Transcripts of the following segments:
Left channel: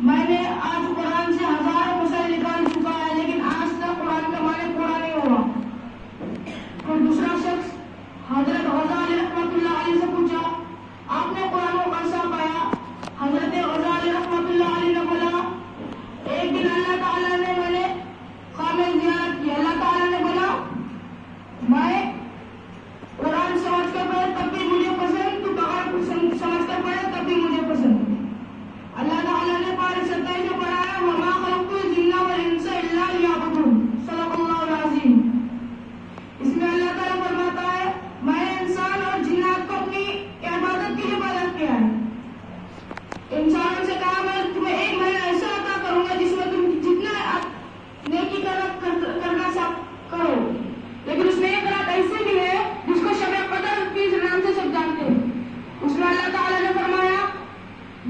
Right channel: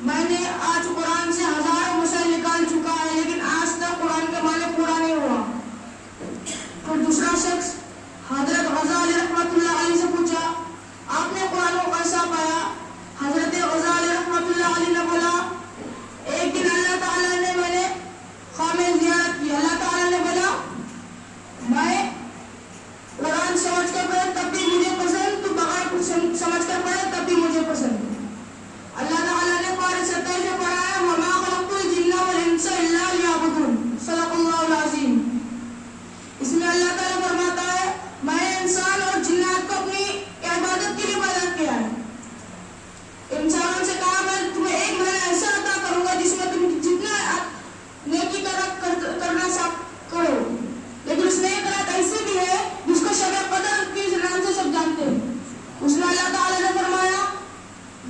میں نے آج قرآن سے ہزاروں مسائل نکال چکا ہے لیکن آج تک قرآن کے معنی پورا نہیں ہوا۔ پھر دوسرا شخص حضرت غزالی رحمۃ اللہ علیہ سے پوچھا آپ نے قرآن کو کیسا پایا؟ حضرت غزالی رحمۃ اللہ علیہ نے بولا ایک دن اللہ تعالیٰ نے میں نے خواب میں زیارت کی، اللہ تعالیٰ نے بولا میں قرآن سمجھ کر پڑھے تب بھی مجھے پسند، تو بغیر سمجھ کر پڑھے تب بھی مجھے پسند۔ اللہ تعالیٰ نے پارے سطح سے پڑھایا وما خلقت الجن والانس الا لیعبدون، صدق اللہ العظیم۔ اس میں اللہ تعالیٰ فرماتا ہے میں نے انسان اور جنات کو اپنی عبادت کے لیے پیدا کیا ہے۔ انسانوں سے کہا میں تمہیں ایک مہینہ ایسا عطا کروں گا جس میں تم جتنا نیکی کرنا کرو، لیکن اس میں ایک رات ایسی بھی ہے جس کو شب قدر کے نام سے سب جانتے ہیں۔ اس میں اللہ تعالیٰ نے فرمایا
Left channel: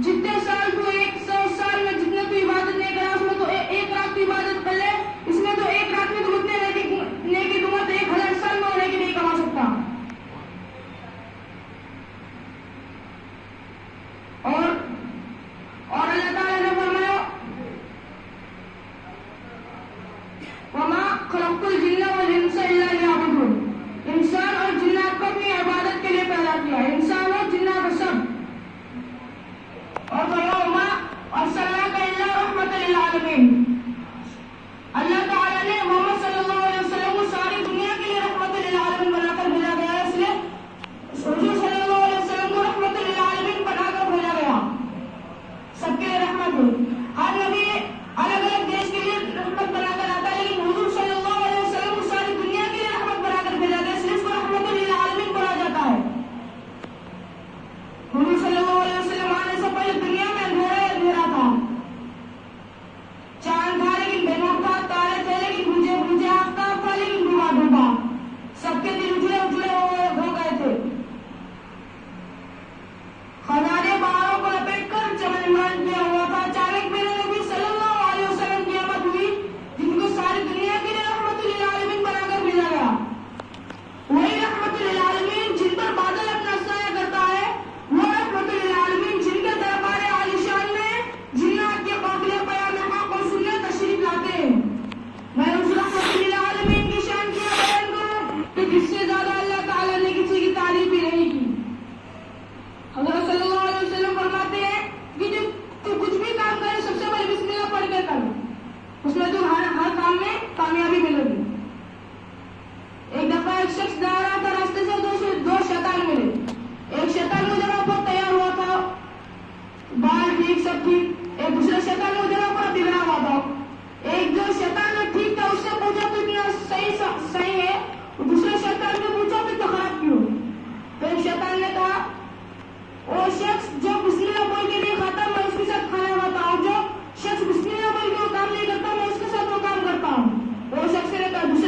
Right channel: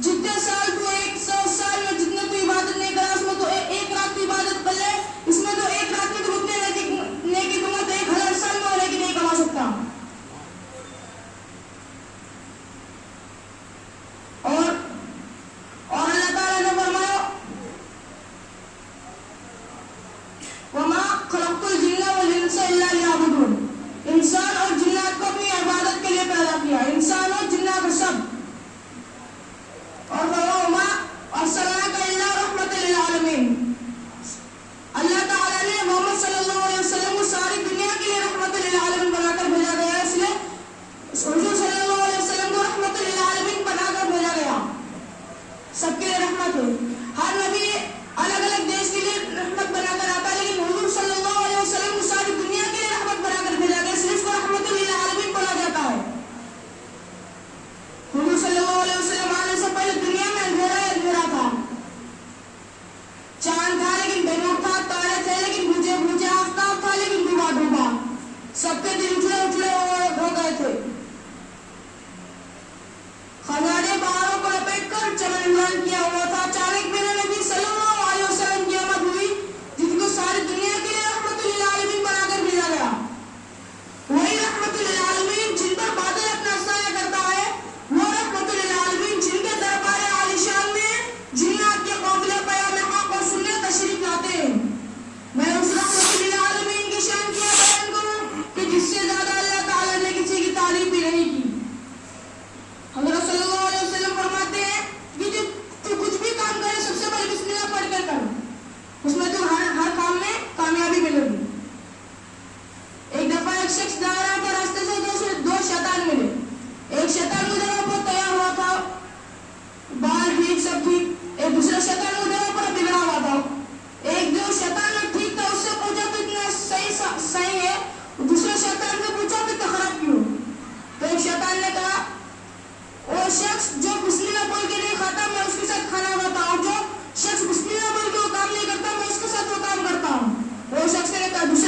جتنے سال تو 100 سال میں جتنے تو عبادت نہیں کرا اس میں تو ایک رات تو عبادت کر لے، اس میں تو ایک رات میں تو اتنے نیکی دوں گا تو 1000 سال میں وہ نیکی نہیں کما سکتا۔ اور اللہ تعالیٰ نے فرمایا وما خلقت الجن والانس الا لیعبدون، انسان اور جنات کو اپنی عبادت کے لیے پیدا کیا، انسان اور جنات سب۔ اور وما ارسلناک الا رحمۃ للعالمین، اللہ تعالیٰ نے محمد صلی اللہ علیہ وسلم کو ساری دنیا کے لیے رحمت للعالمین بنا کر بھیجا گیا ہے، اس لیے حضور صلی اللہ علیہ وسلم کو رحمت للعالمین بنا کر بھیجا گیا، سب کے لیے رحمت ہے۔ ہر نبی الگ الگ دیش کے لیے رحمت بنا کر آتا ہے لیکن حضور صلی اللہ علیہ وسلم کو ساری دنیا کے لیے رحمت بنا کر بھیجا گیا، اس لیے اس کو رحمت للعالمین بولا جاتا ہے۔ حضور صلی اللہ علیہ وسلم آنے سے پہلے دنیا میں اندھیرا ہی اندھیرا تھا، چاند تھا لیکن بے نور تھا، تارے تھے لیکن بجھے بجھے، آفتاب تھا لیکن ڈوبا ڈوبا، سب کے دل اجلے اجلے ہو گئے تھے۔ خزانے پہاڑوں کو لپیٹ کر چمن عمران کیا ہوا تھا، اچانک میرے نبی صلی اللہ علیہ وسلم کی آمد ہوئی جن کو ساری دنیا کے لیے رحمت للعالمین بنا کر بھیجا گیا۔ وہی رحمت للعالمین جن پر بادل اپنا سایہ کرتا ہے، وہ رحمت للعالمین جن کے دربار عالیشان میں جنات کے قافلے پیام حق کو سننے تشریف لاتے ہیں۔ میں اس رحمت للعالمین کی شان کیا بیان کروں کہ جس سے زیادہ اللہ تعالیٰ نے کسی کی تعریف بھی نہیں کی۔ حضرت صلی اللہ علیہ وسلم فرماتے ہیں کہ تو کچھ بھی کام کرے سب سے پہلے بسم اللہ پڑھ کر کر، اس میں تو ہر کام میں کامیابی ملے گی۔ ایک دفعہ ایک شخص جا رہا تھا راستے سے، دو شیطان ملے، ایک شیطان مجرا پر تیار ہوا تھا، بال ٹھیک سب ٹھیک، ایک دوسرا شیطان مجرا پر بگڑا ہوا تھا۔ ایک جو شیطان ٹھیک تھا اس سے پوچھا تو اتنا صحیح ہے، دوسرے شیطان نے پوچھا تو اتنا خراب کیوں؟ تو ایک شیطان نے کہا وہ شخص جو بسم اللہ بول کے نہیں کھاتا میں اس کے ساتھ کھانا کھاتا ہوں، جو شخص بسم اللہ بول کے وہ کام نہیں کرتا میں اس کے ساتھ وہ کام کرتا ہوں۔ وہ شخص نے کہا دوسرے